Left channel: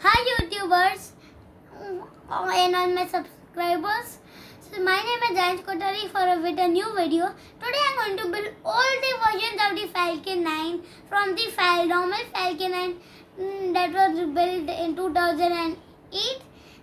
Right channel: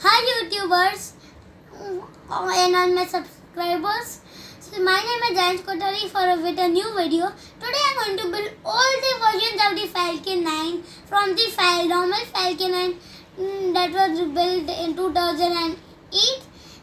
Hi YouTubers and all my subscribers. So my name is Jayansh Kotari with a new video. Today I'm going to build all the versions of the Falcon 9 from the normal Falcon 9 that was built in 2008,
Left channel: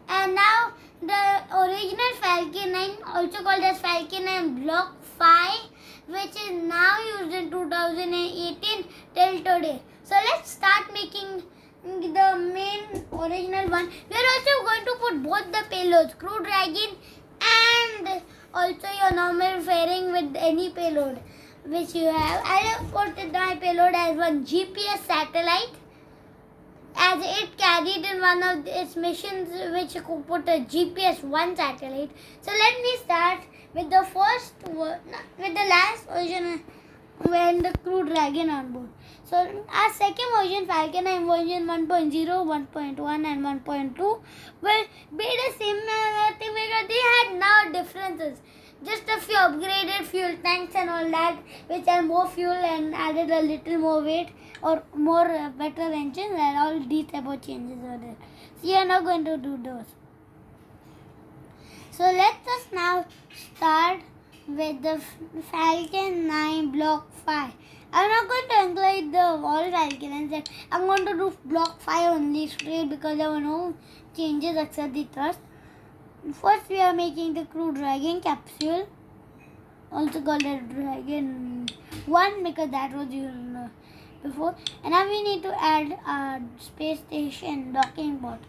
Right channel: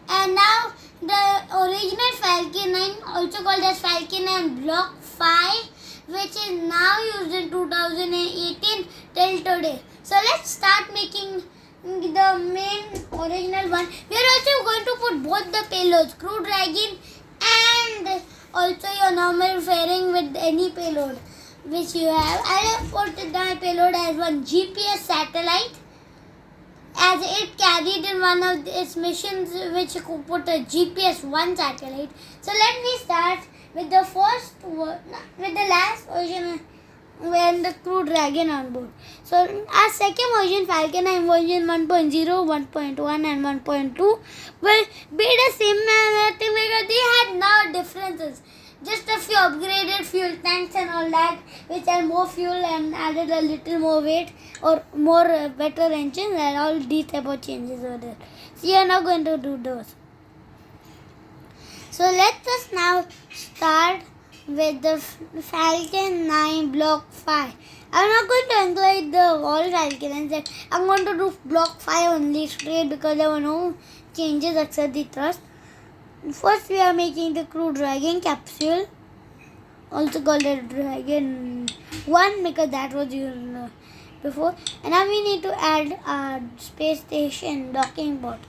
and now the original Falcon 9, also called as Falcon 9 Block 5, which is now used in 2018 till today. So let's start making the main original one. We are also going to put both the payloads, Crew Dragon and also your normal fairing with any payload which you have. I have put my payload as one GPS satellite, as it carried in one of its missions which could put a GPS 1 satellite. So let me start with the last version when the Crew Dragon on board. So our second version, Falcon 9 version 1.0, 1.1 and 1.2 will be the similar thing because they had now differences. Just a few upgraded fuel tanks and all that, which are more fuel and added a little more weight or more better engines, and all these type of changes are there. So we are now going to do those. So let us now start with the Falcon 9 Block 5. I'm not going to include the all Falcon 9. I'm going to do Block 5 only straight because there were no changes except the thrust. First we are making the Crew Dragon capsule, also called the Dragon 1 because that was used before. And now we need to add a space station docking port.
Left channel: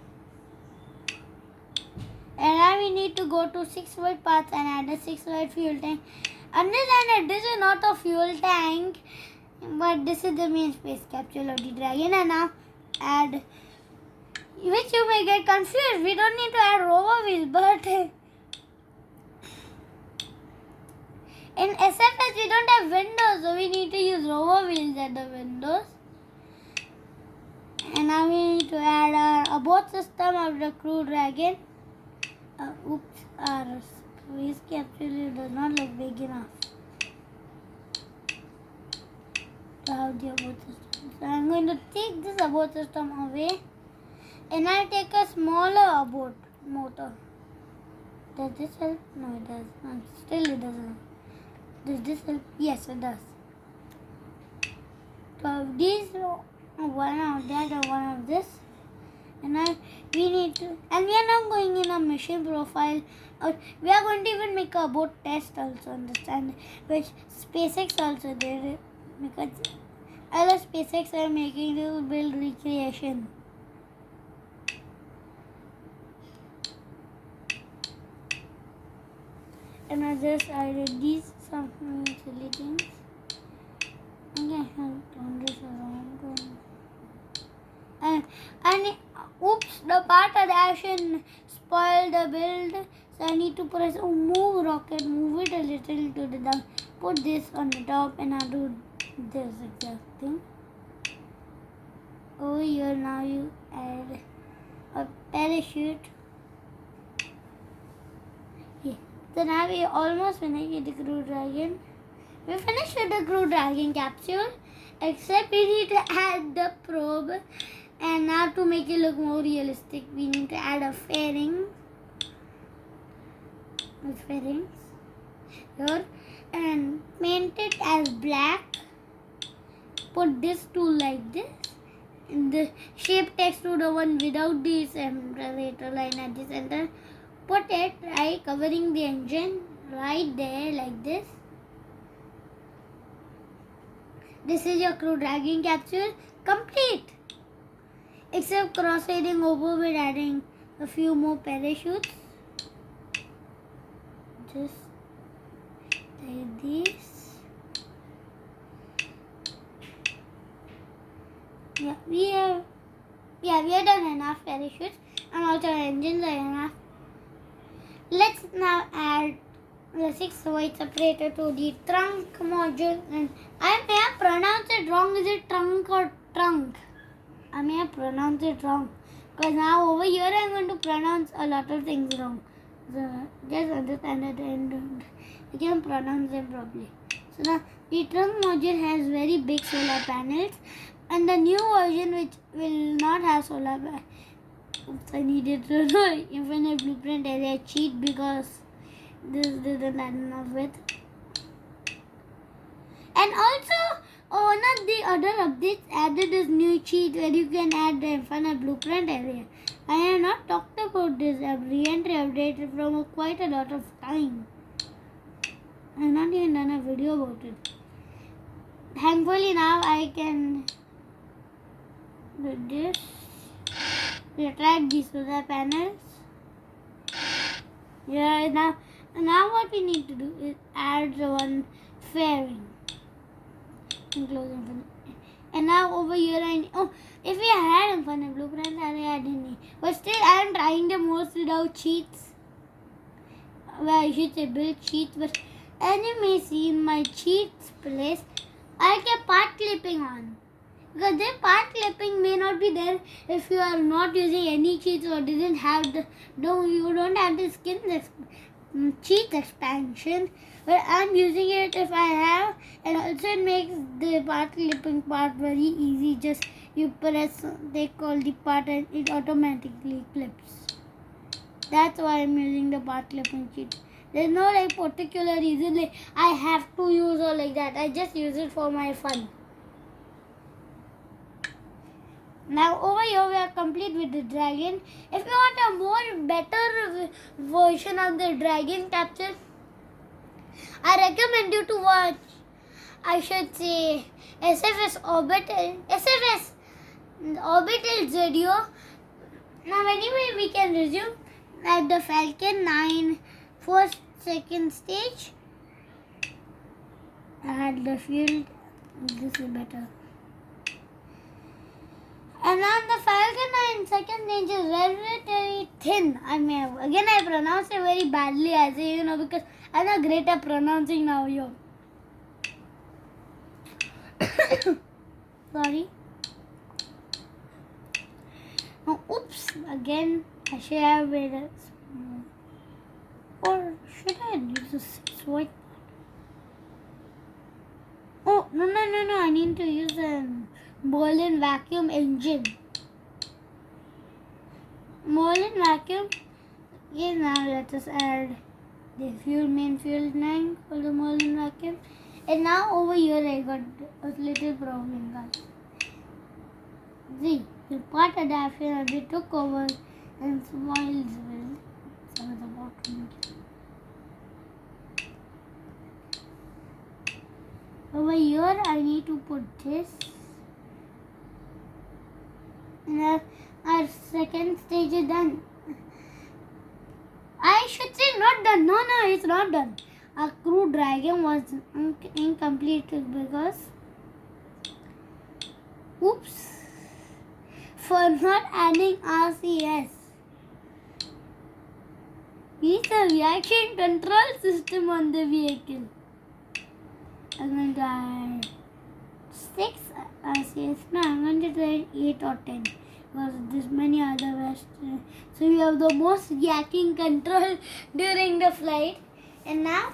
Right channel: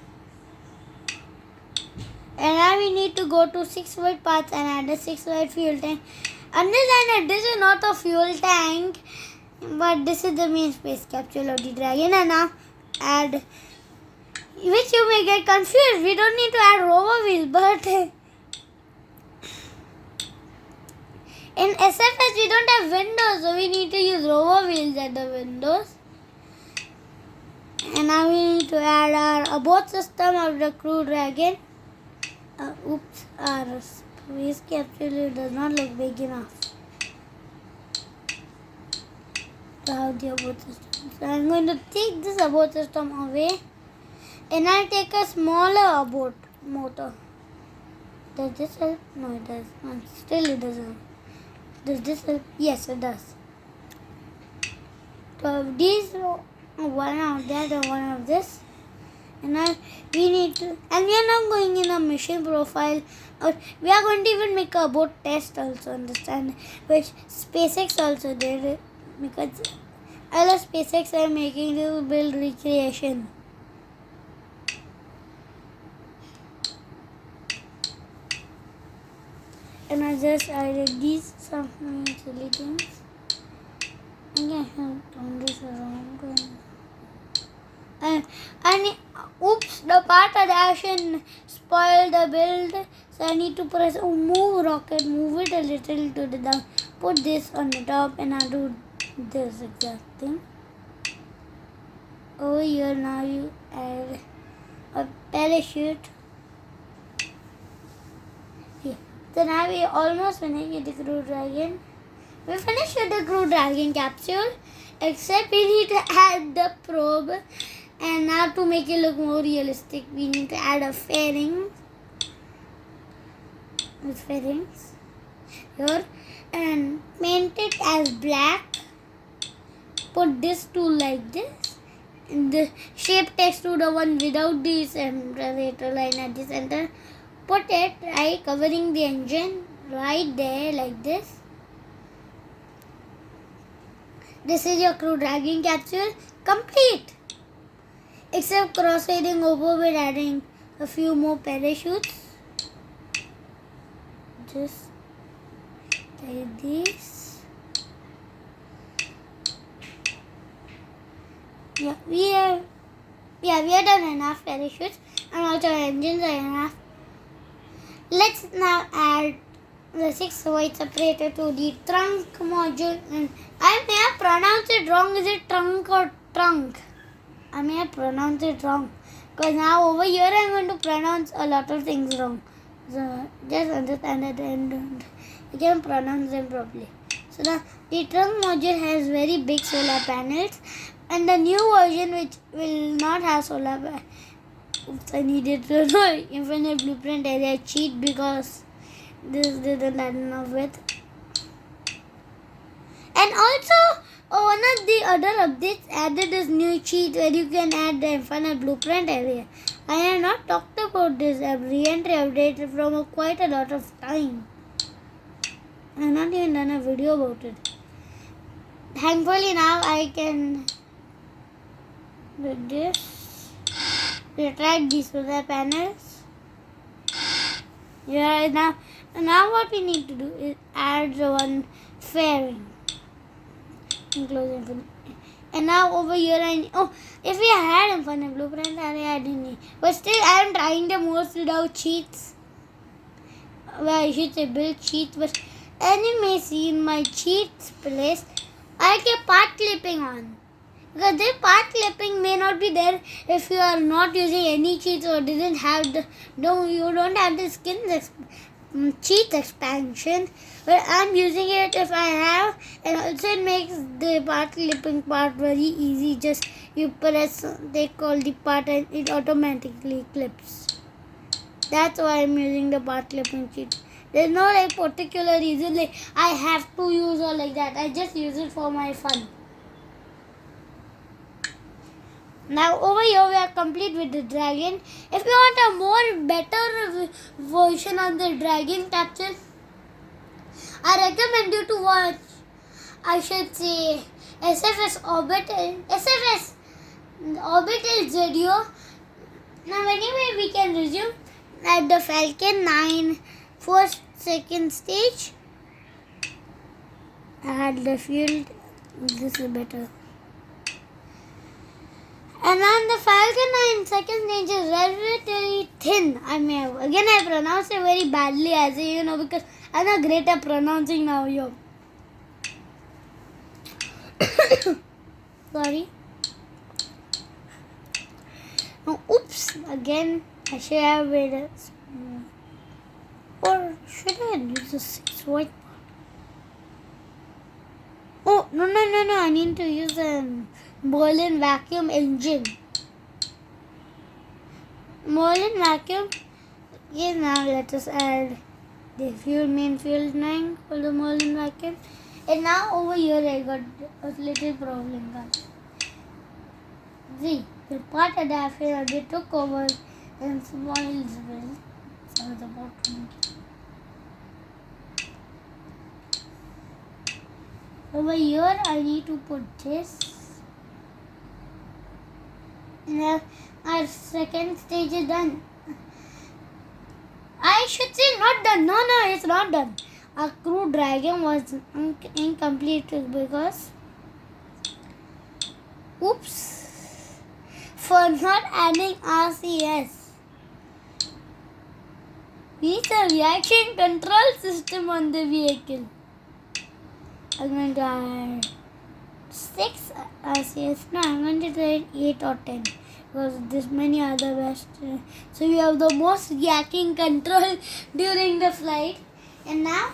And now we need to go to 6-volt paths and add a 6-volt fuel tank. Understand that this is not a fuel tank, but this is the main space capsule of the Dragon. And now add, which you may get confused, we don't need to add rover wheels, but in SFS we don't have windows, so we need to use rover wheels at the windows. And now we need to add our abort system of the Crew Dragon. Our space capsule does not look big enough to have the abort system. So I'm going to take this abort system away, and I'll take a smaller abort motor. Does this help? No, it does. No, still it doesn't. Does this help? Yes, it does. So these, one of that and one of this. And now we need to, and we are now going in a mission profile, or we are going to even make a boat test also, understand, which SpaceX also did, because other SpaceX are making this build recreation. And I just added these some silly things. Okay, turn this around. And oops, the part of the action spoiled the build, so I need to press move rocket, move it a little to the down, put this on the top, and I'll do this exact thing. Over here now you add a parachute. Okay. So now we almost finished with the Crew Dragon. We finished with the Crew Dragon capsule, except we need to add the probe. And now to make it look more realistic, we need to add a fairing with fairings here and paint it as black. Put this tool like this, and the shape text to the one without this center line at the center. Put it right, covering the engine right there like this. This is your Crew Dragon capsule complete. Except cross-fading over with adding a few more parachutes. Just like this. Yeah, we are done enough parachutes, and also engines are enough. Let's now add the 6-volt separator to the trunk module. And I may have pronounced it wrong. Is it trunk or trunk? I may have pronounced it wrong, because now over here I am going to pronounce a lot of things wrong. So just understand it and I can pronounce them properly. So now the trunk module has very big solar panels, and the new version which will not have solar Oops, I needed to know infinite blueprint area cheat because this didn't add enough with. And also, one of the other updates added this new cheat where you can add the infinite blueprint area. I have not talked about this re-entry update from quite a lot of time. I have not even done a video about it. Thankfully now I can do this. Retract these solar panels. Yeah, now what we need to do is add the one fairing. And now over here if we had infinite blueprint area I didn't need. But still I am trying the most without cheats. Well, I should say build cheats, but as you may see in my cheats place, I kept path clipping on. Because this path clipping may not be there if you are not using any cheats or didn't have you don't have the skins cheat expansion, but I'm using it if I have, and also it makes the path clipping part very easy. Just you press they call the part and it automatically clips. That's why I'm using the path clipping cheat. There's no particular reason I have to use or like that. I just use it for my fun. Now over here we are complete with the dragon. If you want a more better version of the dragon capture, I recommend you to watch, I should say, SFS Orbital video. Now anyway we can resume at the Falcon 9 first second stage. I had the field. This is better. And on the Falcon 9 second stage is relatively thin. I pronounce it very badly as because I'm not great at pronouncing now. Sorry. Oh, oops. Again, I should have made it small. Or should I use a 6 white? Oh, no. I need to use a Merlin vacuum engine. Merlin vacuum. Okay, now let us add the main fuel tank for the Merlin vacuum. And now over here I got a little problem, guys. See, the part adapter they took over and spoiled well. So I was about to make it. Over here I need to put this. And our second stage is done. I should say not done. No, it's not done. Our crew dragon was incomplete because for not adding RCS. We need a reaction control system on the vehicle. I'm going to add 6 RCS. No, I'm going to add 8 or 10 because this many other best. So we have the most reacting control during the flight. And now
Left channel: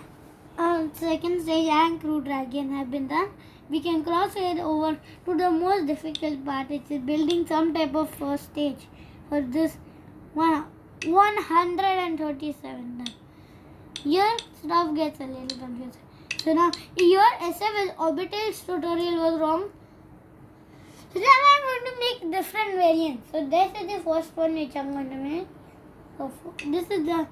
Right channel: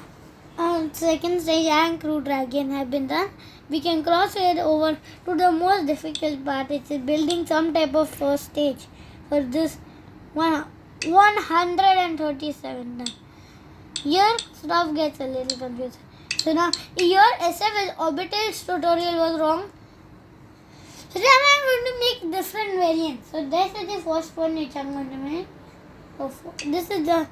on second stage and crew dragon have been done. We can cross it over to the most difficult part. It's building some type of first stage for this 137 done. Here stuff gets a little confused. So now here SF Orbital's tutorial was wrong. So now I'm going to make different variants. So this is the first one which I'm going to make. So this is the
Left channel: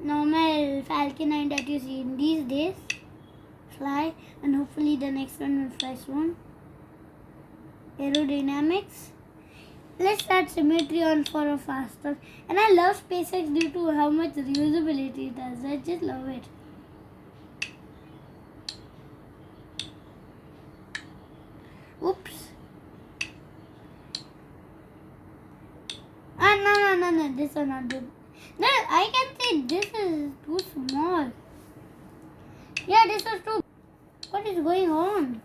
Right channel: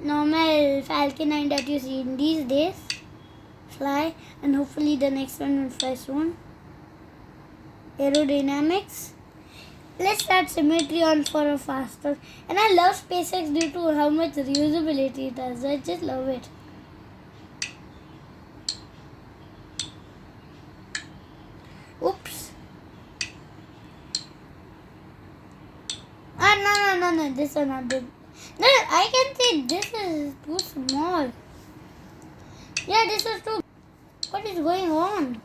normal Falcon 9 that you see in these days. Fly, and hopefully the next one will fly soon. Aerodynamics. Let's add symmetry on for a faster. And I love SpaceX due to how much reusability it has. I just love it. Oops. No, this one not good. No, I can say this is too small. Yeah, this is too. What is going on?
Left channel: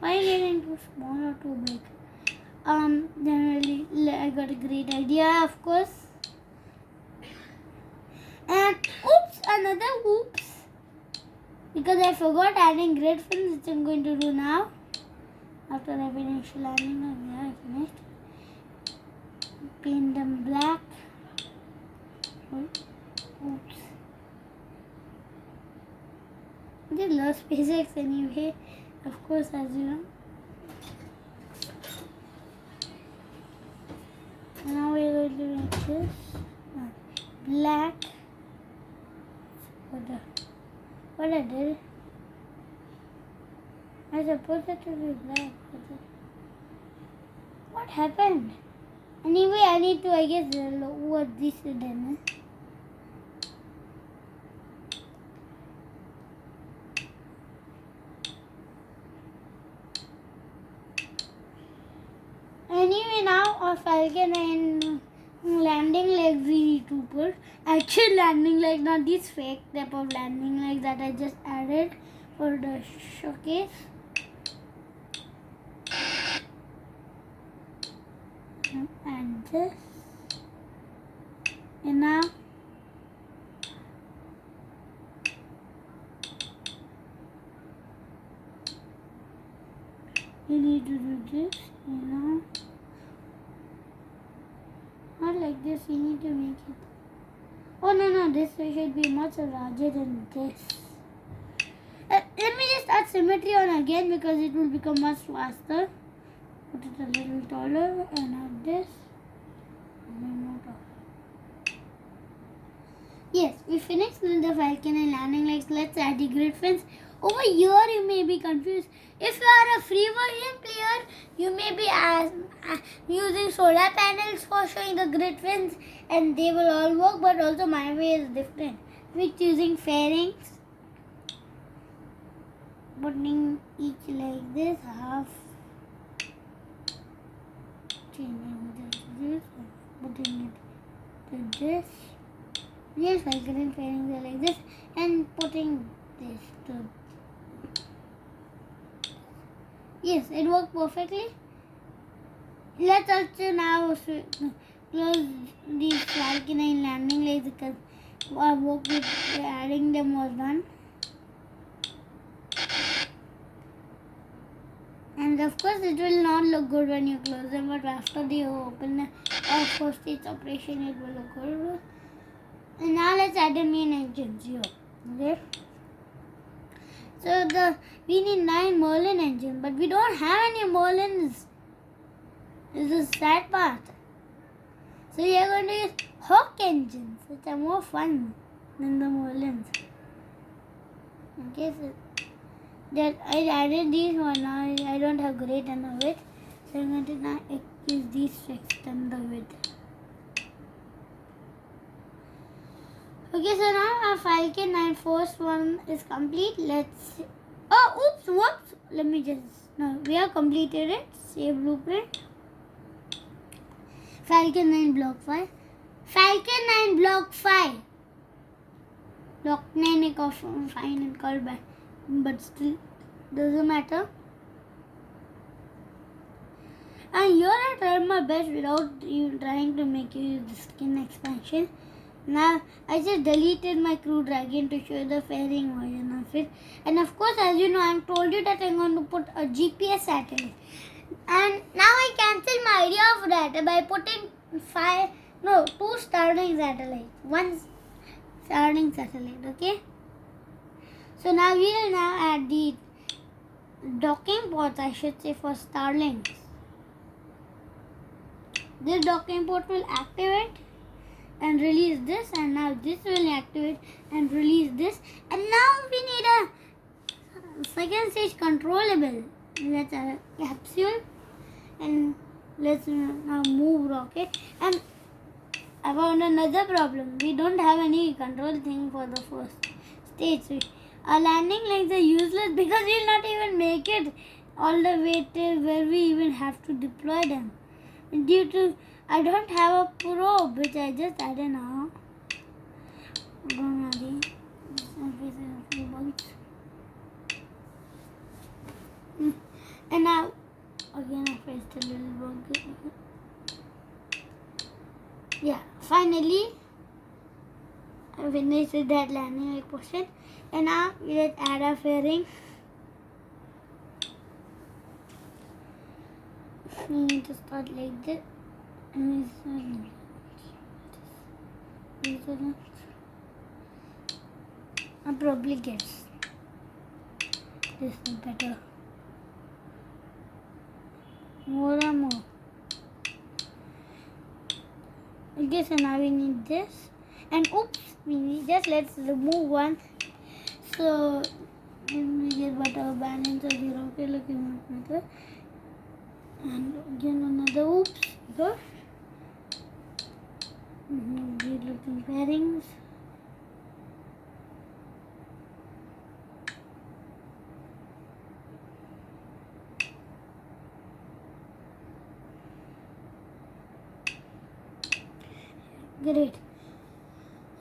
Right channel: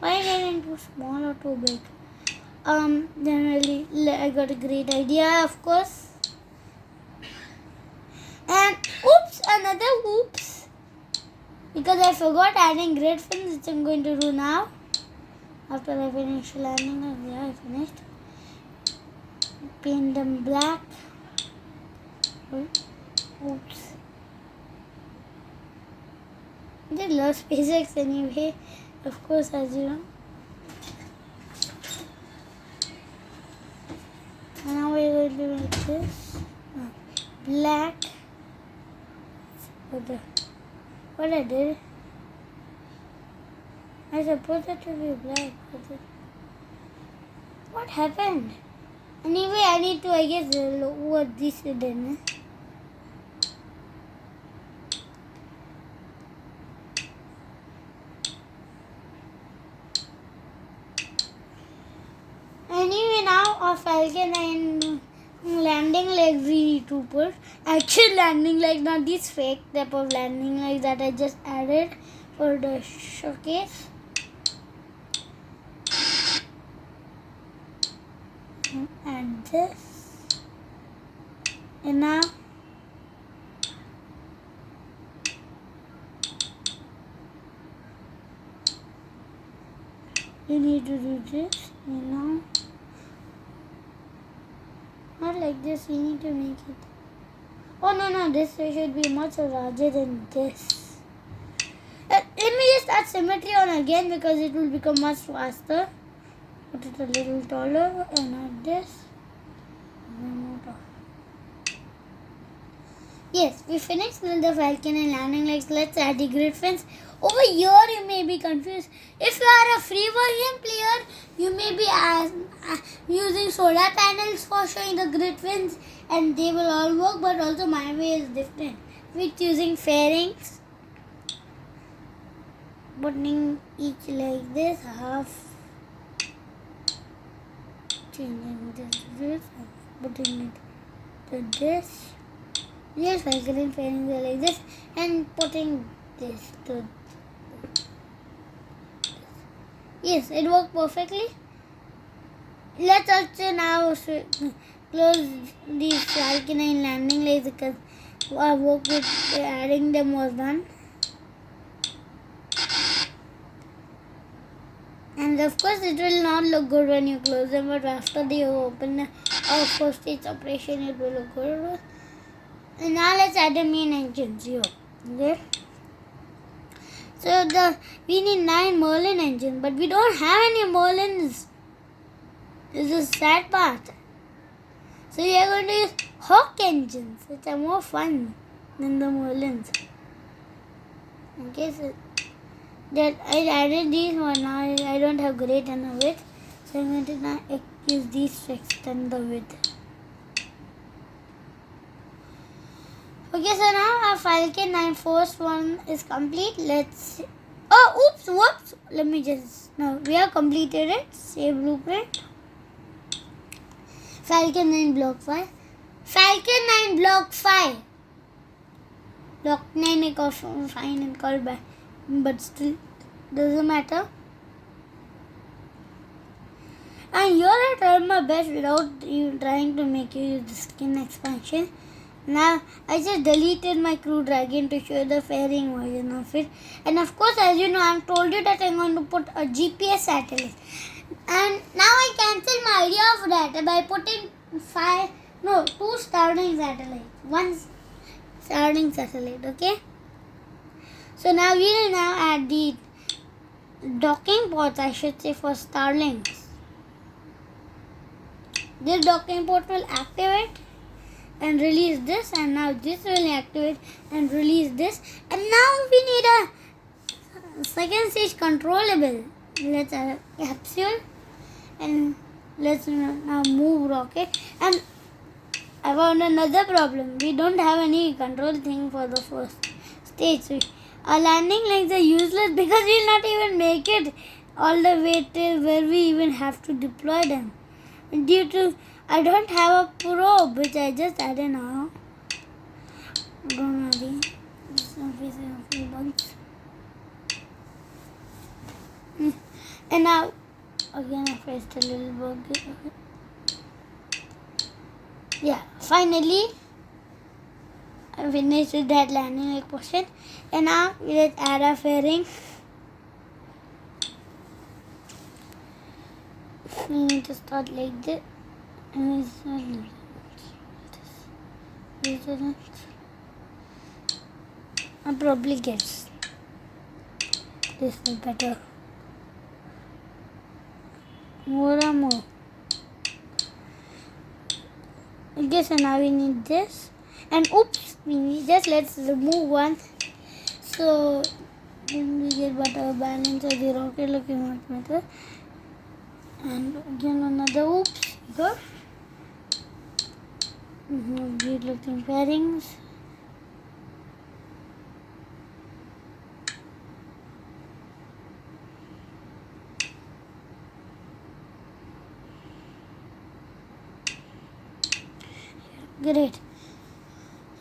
Why is it too small or too big? Generally, I got a great idea, of course. And another oops. Because I forgot adding great fins, which I'm going to do now. After I finish landing, yeah, I finished. paint them black. Oops. They love SpaceX anyway, of course, as you know. Now we're going to make this black. What I did, I supposed it to be black. What happened? Anyway, I need to, I guess, what this then. Anyway, now a Falcon and landing legs we need to put. Actual landing legs, not this fake type of landing legs that I just added for the showcase. And this. And now you need to do this, not like this, you need to make it. Oh no, this should be much larger than this. Let me just add symmetry on again because it will become much faster. Put it a little taller and add this. Yes, we finished with the Falcon and landing legs. Let's add the grid fence. Over here you may be confused. If you are a free version player, you may be using solar panels for showing the grid fence and they will all work, but also my way is different. With using fairings, putting each like this, half, changing this, putting it to this. Yes, Falcon and fairings are like this, and putting this to. Yes, it worked perfectly. Let's also now close these Falcon and landing legs because our work with adding them was done. And of course, it will not look good when you close them, but after you open our first stage operation, it will look good. And now let's add the main engines here. Okay. So we need 9 Merlin engines, but we don't have any Merlins. This is the sad part. So we are going to use Hawk engines, which are more fun than the Merlins. Okay, so that I added these one. Now I don't have great enough width, so I'm going to now use these to extend the width. Okay, so now our Falcon 9 first one is complete. Let's. Oh, oops, whoops. Let me just. No, we have completed it. Save blueprint. Falcon 9 block 5. Falcon 9 block 5. Block 9 is fine and called back, but still doesn't matter. And here I tried my best without even trying to make you use the skin expansion. Now I just deleted my Crew Dragon to show the fairing version of it. And of course, as you know, I've told you that I'm going to put a GPS satellite. And now I cancel my idea of that by putting 2 Starlink satellites. 1 Starlink satellite, okay? So now we will now add the docking ports, I should say, for Starlinks. This docking port will activate and release this, and now this will activate and release this, and now we need a second stage controllable. Let's add a capsule and let's now move rocket. And I found another problem. We don't have any control thing for the first stage. So our landing legs are useless because we'll not even make it all the way till where we even have to deploy them. And due to I don't have a probe, which I just added now. Don't worry. And now, again, I pressed a little bug. Yeah, finally, I finished with that landing leg portion. And now, let's add a fairing. We need to start like this. I probably guess this is better. More and more. Okay, so now we need this. And oops, we need this. Let's remove one. So then we get better balance of the rocket looking much better. And again another oops. Go. Good looking pairings. Great.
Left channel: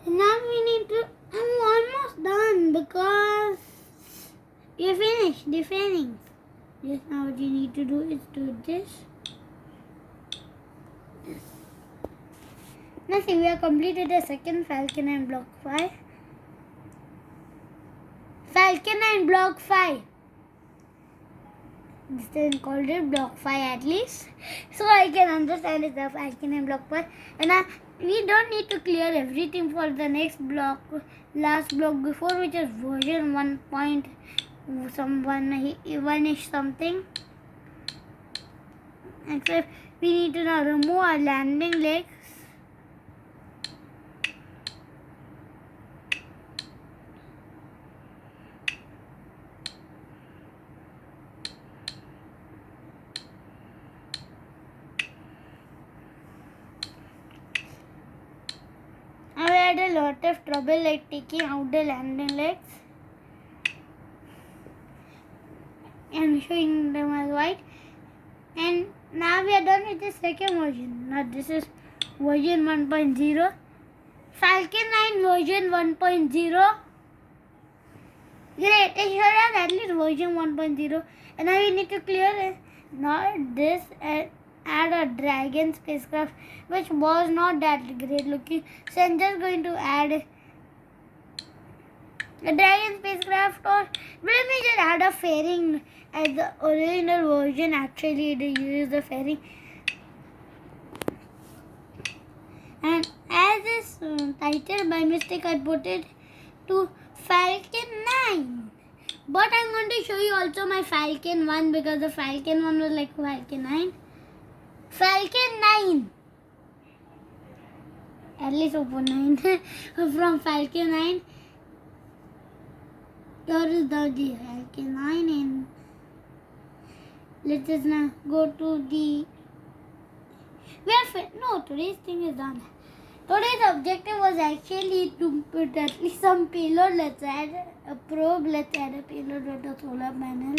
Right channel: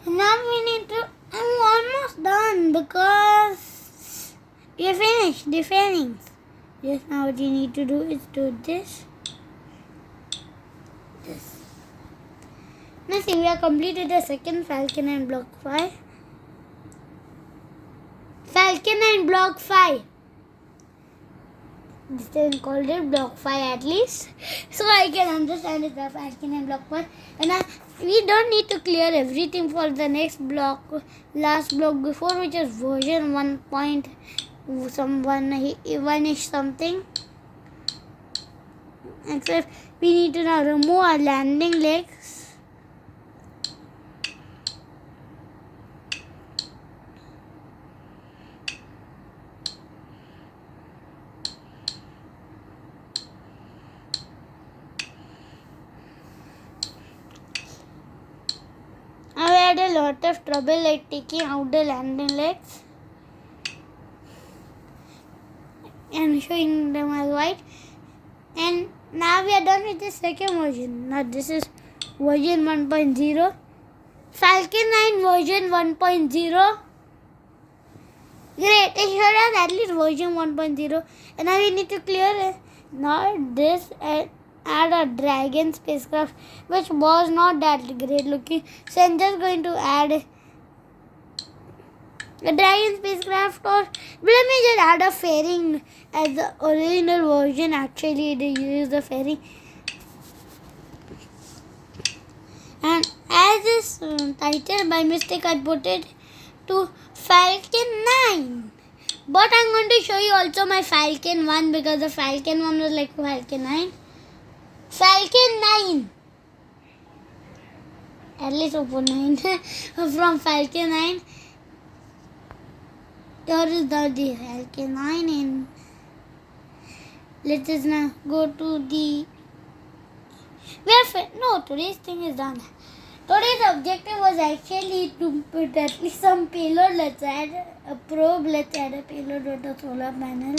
Now we need to. I'm almost done because you're finished. The fairings. Yes. Now what you need to do is do this. This. Now see, we have completed the second Falcon and Block 5. Falcon and Block 5. This time called it Block 5 at least. So I can understand it's the Falcon and Block 5. And we don't need to clear everything for the next block, last block before, which is version 1.1ish something. Except we need to now remove our landing legs. I had a lot of trouble like taking out the landing legs and showing them as white. And now we are done with the second version. Now this is version 1.0. Falcon 9 version 1.0. Great, it showed us at least version 1.0. And now we need to clear it. Now this and add a dragon spacecraft, which was not that great looking. So I'm just going to add a dragon spacecraft, or let me just add a fairing as the original version. Actually, they use the fairing. And as this title, by mistake, I put it to Falcon 9. But I'm going to show you also my Falcon 1 because the Falcon 1 was like Falcon 9. Falcon 9. At least open 9 from Falcon 9. Here is now the Falcon 9, and let us now go to the. No, today's thing is done. Today's objective was actually to put at least some payload. Let's add a probe. Let's add a payload with a solar panel.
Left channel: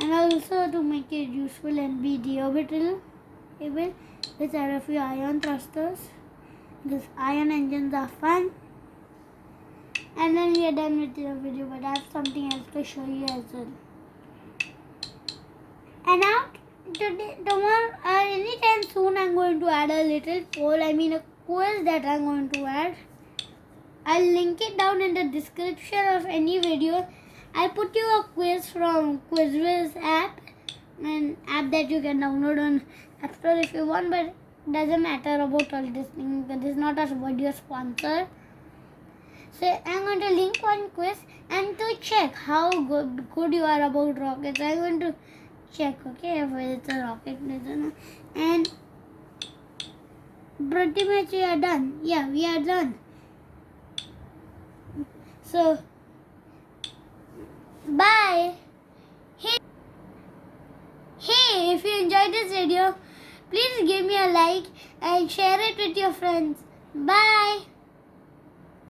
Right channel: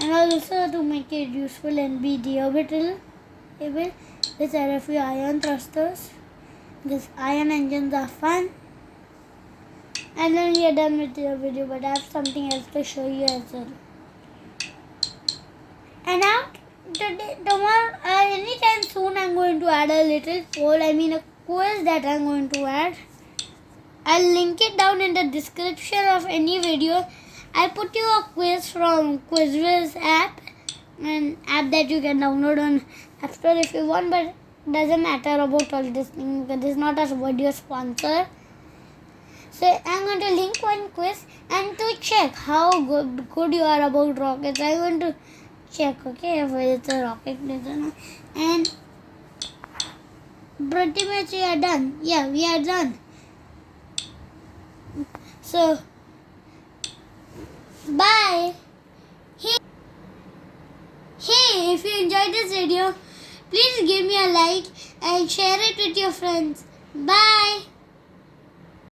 And also to make it useful and be deorbital able, let's add a few ion thrusters because ion engines are fun. And then we are done with the video, but I have something else to show you as well. And now tomorrow, anytime soon, I'm going to add a little poll. I mean a quiz that I'm going to add. I'll link it down in the description of any video. I'll put you a quiz from QuizWiz app, an app that you can download on App Store if you want, but it doesn't matter about all this thing because it's not a video sponsor. So I'm going to link one quiz, and to check how good you are about rockets, I'm going to check, okay, if it's a rocket designer. And pretty much we are done. Yeah, we are done. So bye. Hey, if you enjoyed this video, please give me a like and share it with your friends. Bye.